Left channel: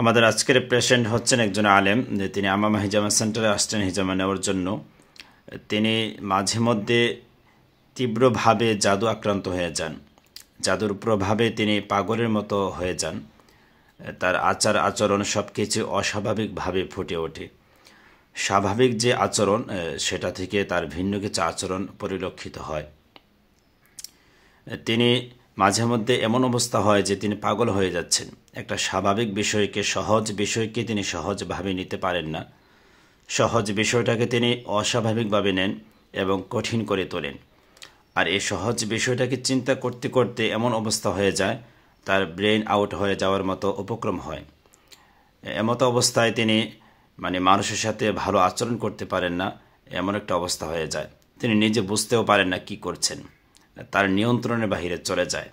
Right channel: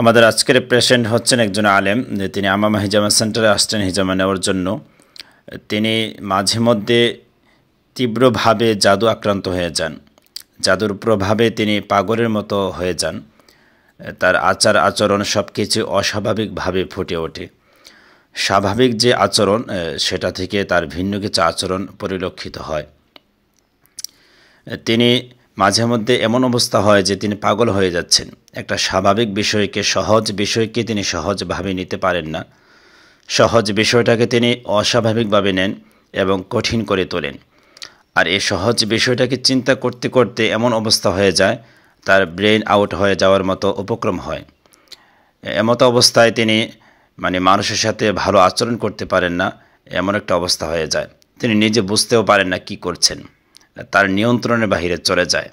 আমাদের আজকের পেশেন্ট হচ্ছেন একজন আলেম, তিনি আমামা হিজামা সেন্টারে আসছেন হিজামা নেওয়ার জন্য। তিনি মাঝে মধ্যে তীব্রভাবে জাদু আক্রান্ত হয়ে যান। জাদুর প্রভাবে তিনি পাগলের মতো হয়ে যান। তার আচার আচরণ সব কিছু অস্বাভাবিকভাবে ফুটে ওঠে। স্বাভাবিক যে আচরণ সেটা থেকে তার ভিন্ন কিছু আচরণ পরিলক্ষিত হয়। তিনি মাঝে মধ্যে এমন অবস্থা হয় যে তিনি পাগল হয়ে যাচ্ছেন। একটা স্বাভাবিক বিষয়কে, সহজ বিষয়কে তিনি সহজভাবে নিতে পারেন না। সহজ বিষয়টাকে তিনি অস্বাভাবিকভাবে নেন এবং কঠিন করে তোলেন। আর এই সহজ বিষয়টাকে চিন্তা করতে করতে এমন অবস্থা হয়ে যায়, তার ব্রেন আউট হয়ে যাওয়ার মতো উপক্রম হয়। এমতো অবস্থায় তিনি মানুষের সাথে ভালো আচরণ করতে পারেন না, এমন একটা অবস্থা হয়ে যায়। তিনি নিজে বুঝতেও পারেন না কি করছেন, তার নিয়ন্ত্রণের বাহিরে চলে যায়।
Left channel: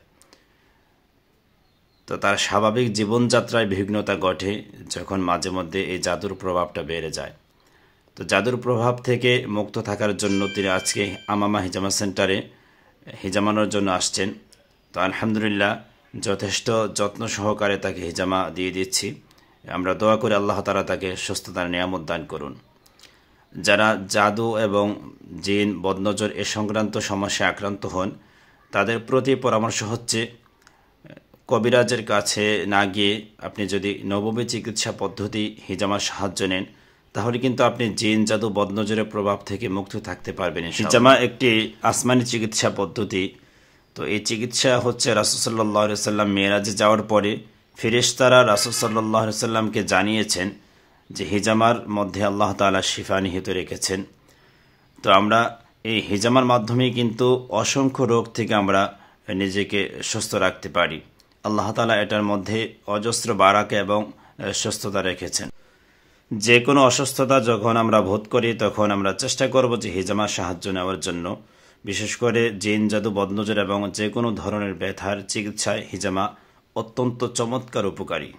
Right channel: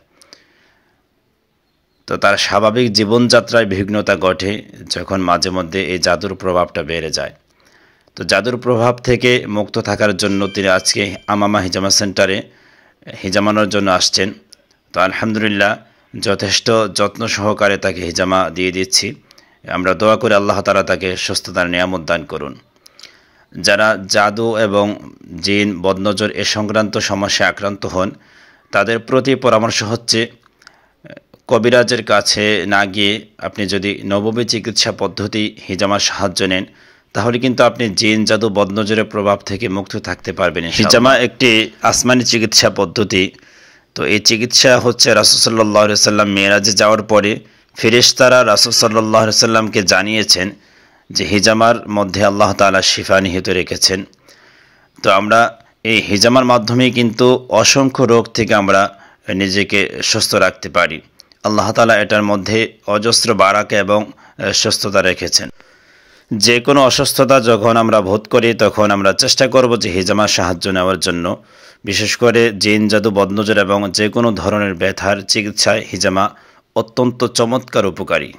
তো তার স্বাভাবিক জীবনযাত্রায় বিঘ্নতা ঘটে যখন মাঝে মধ্যে এই জাদুর প্রভাবটা বেড়ে যায়। তো জাদুর প্রভাব থেকে মুক্ত থাকার জন্য তিনি আজকে আমামা হিজামা সেন্টারে হিজামানোর জন্য আসছেন। তো আলহামদুলিল্লাহ যথেষ্ট যত্ন সহকারে তাকে হিজামা দিয়ে দিচ্ছি। আমরা দোয়া করে আল্লাহ তাআলা তাকে সুস্থতার নিয়ামত দান করুন। যারা জাদু এবং জিন, বদনজর এ সংক্রান্ত সমস্যায় আক্রান্ত হন, তাদের প্রতি পরামর্শ হচ্ছে কবিরাজের কাছে না গিয়ে আপনি যদি নববী চিকিৎসা পদ্ধতি হিজামার সাহায্য নেন, তাহলে কিন্তু আপনি জিন, জাদু, বদনজরের প্রভাব থেকে মুক্ত থাকতে পারবেন। হিজামা একটি আসমানি চিকিৎসা পদ্ধতি। তো এই চিকিৎসা হচ্ছে রাসূল সাল্লাল্লাহু আলাইহি সাল্লাম মেরাজে যাওয়ার পরে ফেরেশতারা রাসূল সাল্লাল্লাহু আলাইহি সাল্লামকে জানিয়েছেন যে হিজামার মধ্যে আল্লাহ তাআলা শিফা নিহিত রেখেছেন। তো আমরা এই হিজামার মাধ্যমে কিন্তু অসংখ্য রোগ থেকে আমরা নিজেকে সুস্থ রাখতে পারি। আল্লাহ তাআলা এটার মধ্যে অজস্র বারাকা এবং সুস্থতা রেখেছেন। যে কোনো অসুস্থতা যখন আমরা বোধ করি, তখন আমরা চেষ্টা করব যে হিজামার সাহায্য নেওয়ার জন্য। বিশেষ করে জিন, জাদু, বদনজর এবং যে কোনো ধরনের ব্যথার চিকিৎসায় হিজামা অত্যন্ত চমৎকার উপকারী।